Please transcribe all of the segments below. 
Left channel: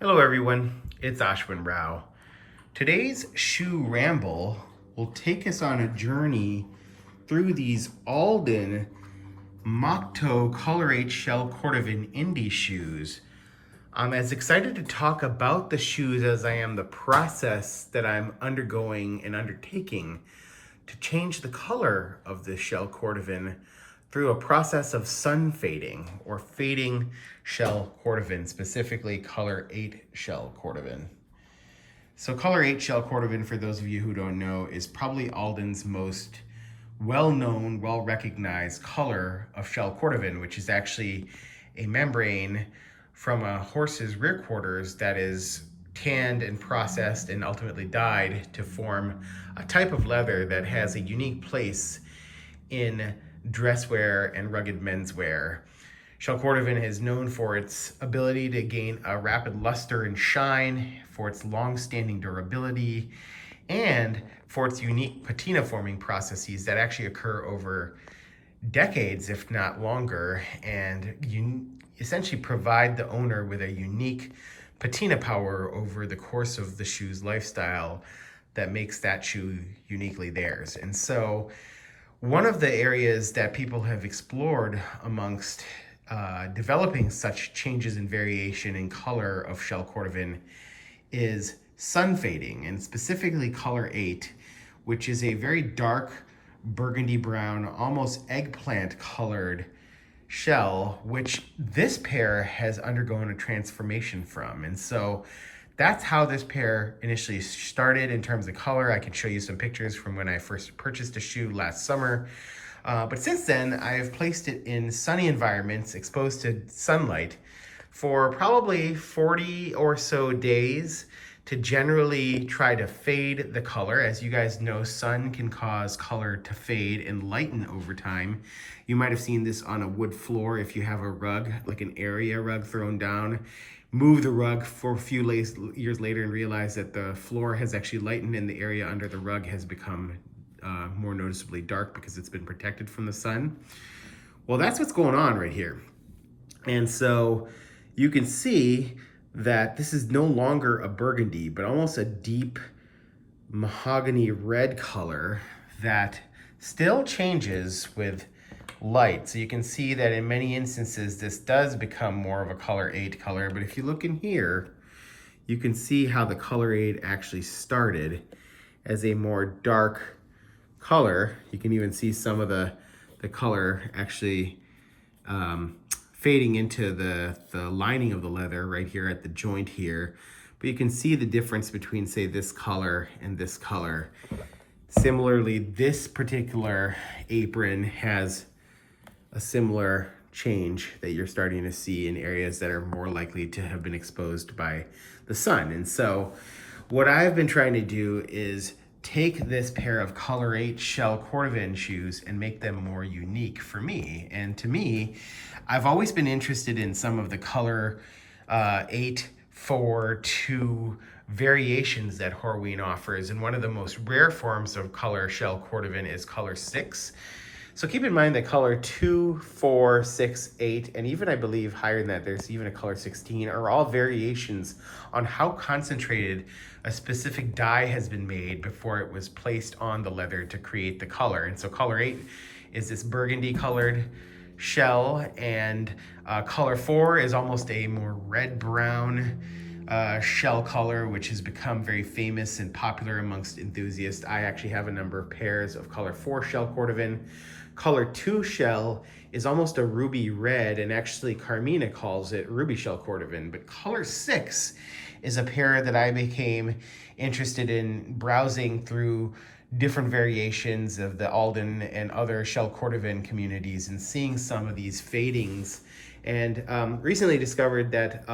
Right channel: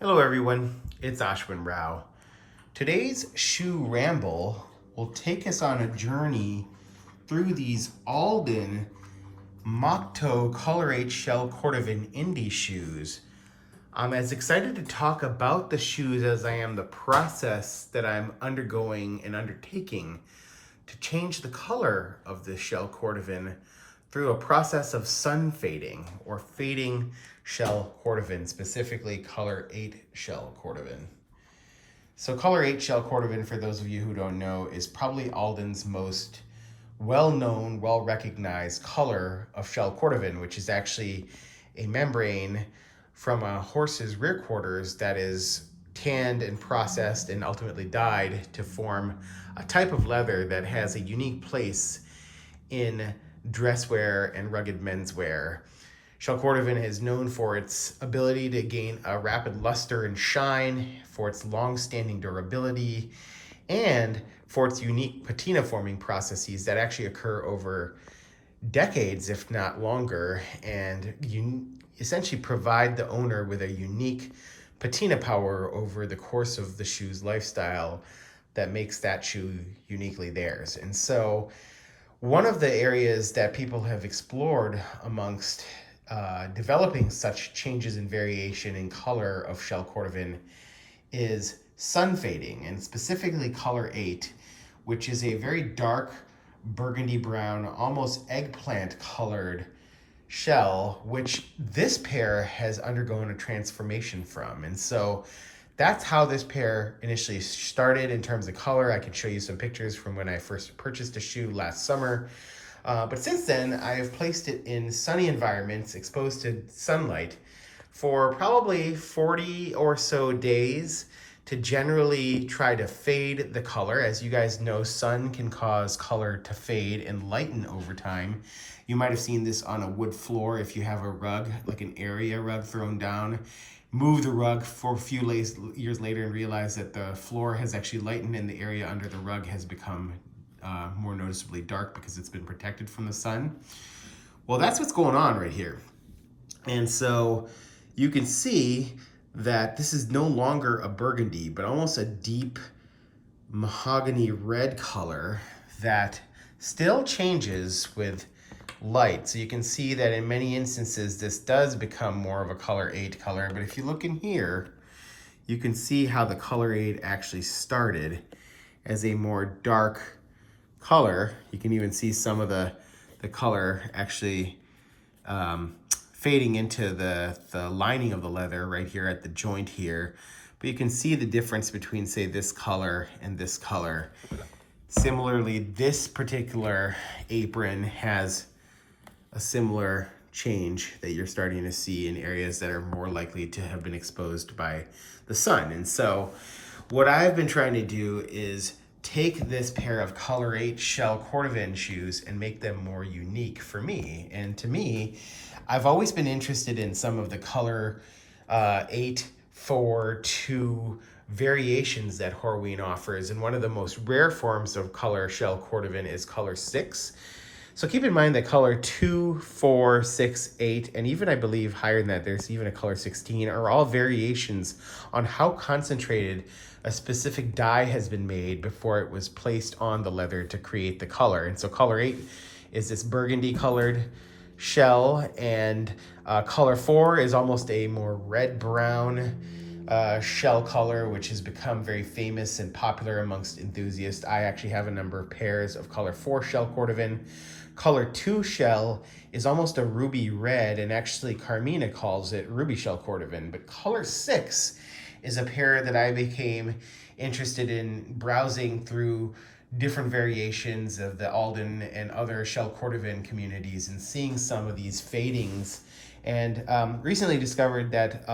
Hello everyone, it's Ashwin Rao. Today's shoe ramble will take us on a journey through these Alden Mock-Toe Color 8 Shell Cordovan Indy shoes. I'm as excited to talk about the shoes as I am the process that I'm undergoing and undertaking to change the color of the Shell Cordovan through a process of sun fading or fading Shell Cordovan, specifically color 8 Shell Cordovan. So color 8 Shell Cordovan, for those of you who don't know, is probably Alden's most well-known, well-recognized color of Shell Cordovan, which is actually a membrane from a horse's rear quarters that is tanned and processed and ultimately dyed to form a type of leather that has a unique place in dresswear and rugged menswear. Shell Cordovan is known for its ability to gain a rapid luster and shine, for its long-standing durability, and for its unique patina forming processes that actually occur over decades, if not longer, and you essentially provide the owner with a unique patina power over the course of the shoe's lifestyle that makes that shoe uniquely theirs. And so one of the areas that people have explored amongst developing such changes in variation in color of Shell Cordovan is sun fading, and specifically color 8, which is a very dark burgundy brown, almost eggplant colored shell, which this pair has undergone a transformation from. And so that's how this pair initially started in terms of color. I can show you some pictures from when I first purchased the shoe last summer. But since then, I've placed it in sunny environments, exposed to sunlight, for probably 40 or so days to generally try to fade the color. As you guys know, sun can cause color to fade and lighten over time. You might have seen this on a wood floor if you have a rug, like an area rug thrown down. Move the rug for a few years later and realize that the floor has actually lightened and the area under the rug has become more noticeably dark because it's been protected from the sun. Well, that's what's going on right here. And so you can see that this is no longer a burgundy, but almost a deep mahogany red color that still changes with light. So you can see that in many instances, this does become more of a color 8 color. But if you look in here, you can see how the color 8 actually started as a more dark color. You can even see some of the color actually fading into the lining of the leather right here at the joint here. But you can see the difference between, say, this color and this color. Similarly, this particular apron has a similar change that you're starting to see in areas that are more likely to have been exposed by the sun. And so what I've been trying to do is take this pair of color 8 Shell Cordovan shoes and make them more unique for me. And to me, I've always been interested in some of the color 8, 4, 2 variations that Horween offers. And one of the most rare forms of color Shell Cordovan is color 6. So keep in mind that color 2, 4, 6, 8, and even I believe higher than that, there's even a color 16, are all variations on how concentrated a specific dye has been made before it was placed on the leather to create the color. And so color 8 is this burgundy colored shell, and color 4 is almost a more red-brown shell color, which has become very famous and popular amongst enthusiasts. I actually have a number of pairs of color 4 Shell Cordovan. Color 2 shell is almost a ruby red, and actually Carmina calls it ruby Shell Cordovan. But color 6 is a pair that I became interested in browsing through different variations of the Alden and other Shell Cordovan communities and seeing some of these fadings, and recently discovered that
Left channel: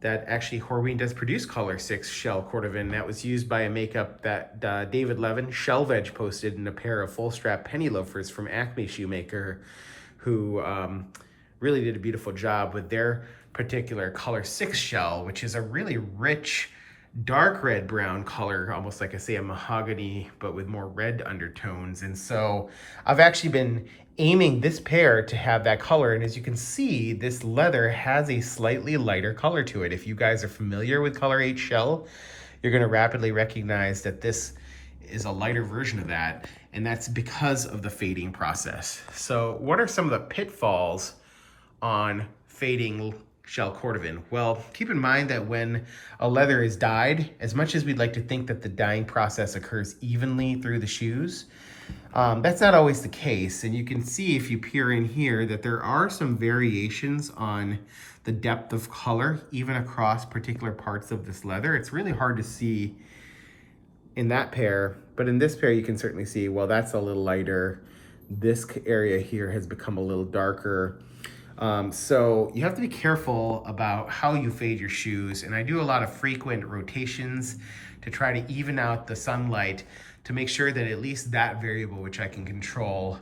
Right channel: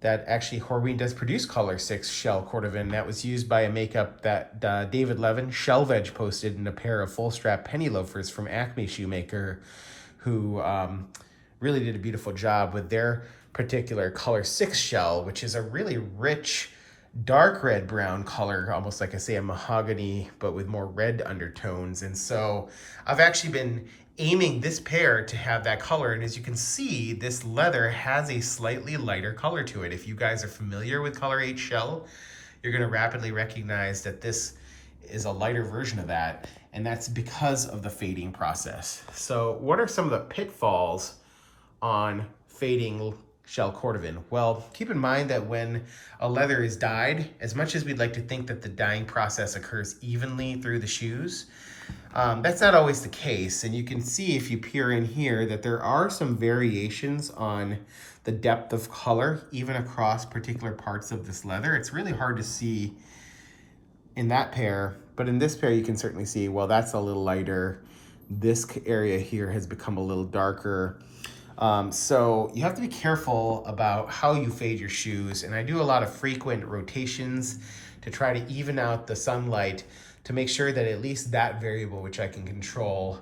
that actually Horween does produce color 6 Shell Cordovan. That was used by a makeup that David Levin, Shell Veg, posted in a pair of full strap penny loafers from Acme Shoemaker, who really did a beautiful job with their particular color 6 shell, which is a really rich dark red brown color, almost like I say a mahogany, but with more red undertones. And so I've actually been aiming this pair to have that color. And as you can see, this leather has a slightly lighter color to it. If you guys are familiar with Color 8 Shell, you're gonna rapidly recognize that this is a lighter version of that. And that's because of the fading process. So what are some of the pitfalls on fading Shell Cordovan? Well, keep in mind that when a leather is dyed, as much as we'd like to think that the dyeing process occurs evenly through the shoes, that's not always the case. And you can see if you peer in here that there are some variations on the depth of color, even across particular parts of this leather. It's really hard to see in that pair, but in this pair you can certainly see, well, that's a little lighter. This area here has become a little darker. So you have to be careful about how you fade your shoes. And I do a lot of frequent rotations to try to even out the sunlight to make sure that at least that variable, which I can control,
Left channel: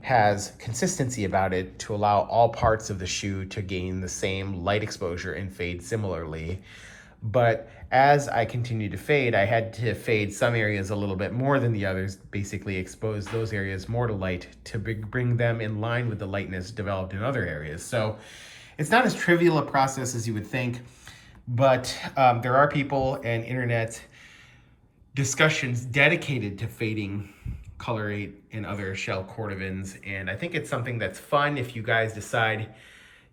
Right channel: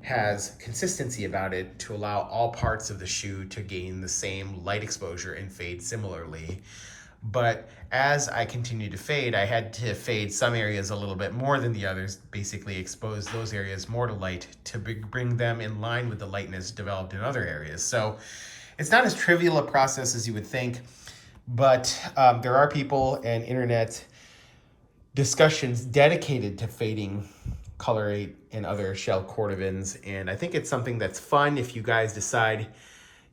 has consistency about it to allow all parts of the shoe to gain the same light exposure and fade similarly. But as I continue to fade, I had to fade some areas a little bit more than the others, basically expose those areas more to light to bring them in line with the lightness developed in other areas. So it's not as trivial a process as you would think, but there are people and internet discussions dedicated to fading Color 8 and other Shell Cordovans. And I think it's something that's fun if you guys decide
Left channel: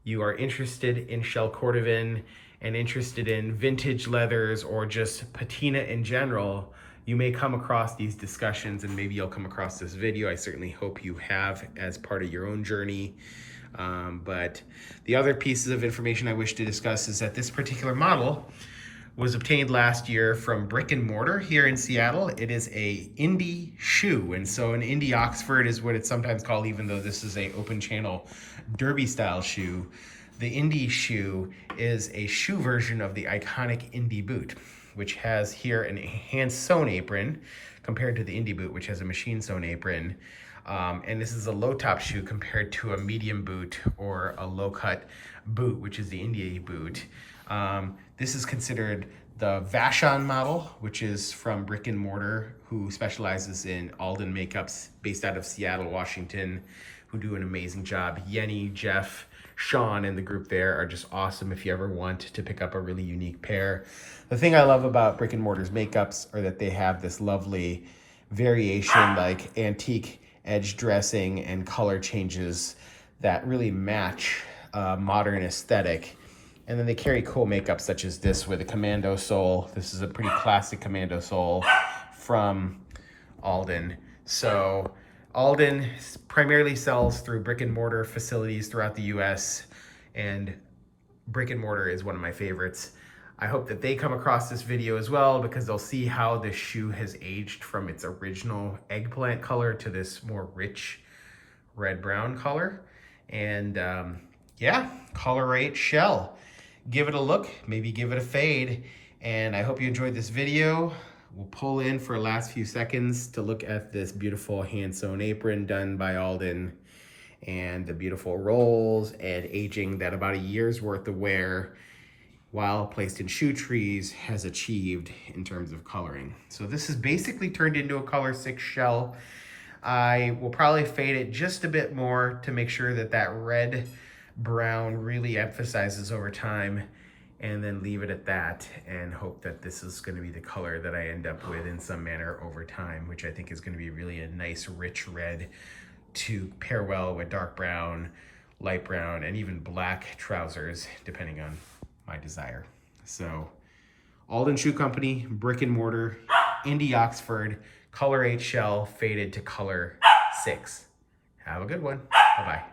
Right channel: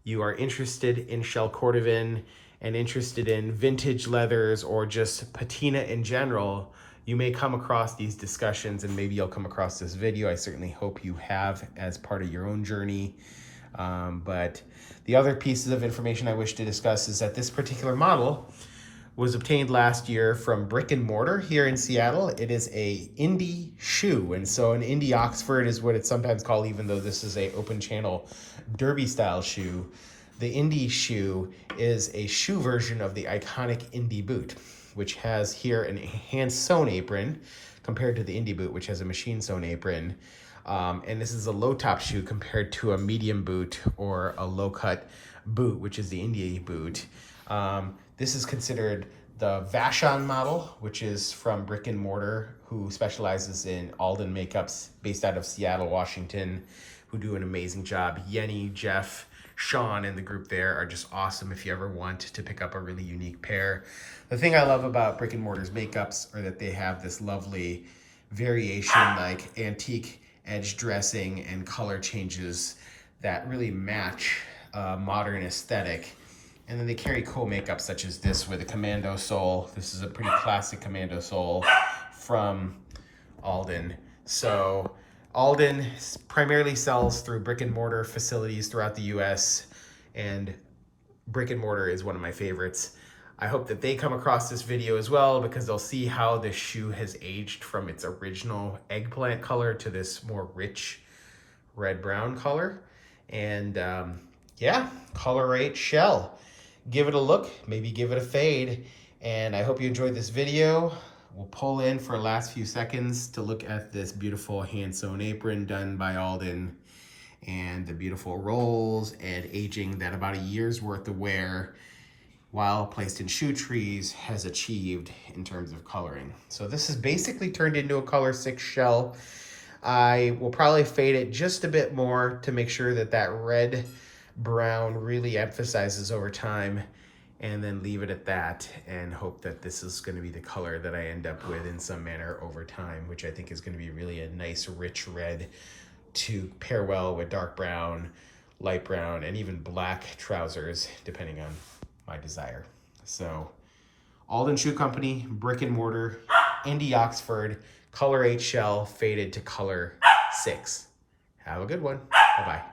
you are interested in Shell Cordovan and interested in vintage leathers or just patina in general. You may come across these discussions and maybe you'll come across this video. I certainly hope you have as part of your own journey. But the other pieces of information I wish to discuss is that this particular model was obtained last year from Brick and Mortar here in Seattle. It is a Indy shoe. And so an Indy Oxford is what it's sometimes called, even though this is a open channel derby style shoe. The Indy shoe is a shoe version of the iconic Indy boot, which has here a hand-sewn apron compared to the Indy boot, which has a machine-sewn apron. And this is a low-top shoe compared to a medium boot or a low-cut boot, which is the Indy boot. This is considered the Vashon model, which is from Brick and Mortar, who specializes in Alden makeups based out of Seattle, Washington, who do an amazing job. Yenny, Jeff, Sean and the group there are just awesome if you ever want to pick up a really unique pair. The thing I love about Brick and Mortar's makeups are that they have this lovely variation, like antique edge dressing and color changes that really match modern aesthetic. And then they carry cool makeup such as this with a commando sole. This is a pretty classic commando sole from Alden. So Alden primarily sells through brick and mortar facilities throughout the US, and Brick and Mortar is one of my favorites. I hope that they come across this video as well, because they'll see how this shoe has aged from its original eggplant color to this more rich red-brown color. And yeah, Color 8 Shell. Give it a look, maybe give it a fade, and I hope you enjoyed this video. We'll pull in for the last few seconds to look at this beautiful hand-sewn apron done by Alden and the beautiful rolls and aging that about a year's worth of wear while placed in shoe trees has achieved in terms of coloring. So this is basically turned into a Color 6 Shell. I will probably fade it just a bit more to make sure that that red brown really emphasizes over time, and then leave it at that and hope that this is going to be the color that I end up with in some manner over time, which I think is going to be really a nice rich red to pair well with dark brown, light brown, and even black trousers, depending on my desire. So Alden Shoe Company, Brick and Mortar, Indy Oxford, Color 8 Shell, faded to Color 6. Have a good one. Bye-bye.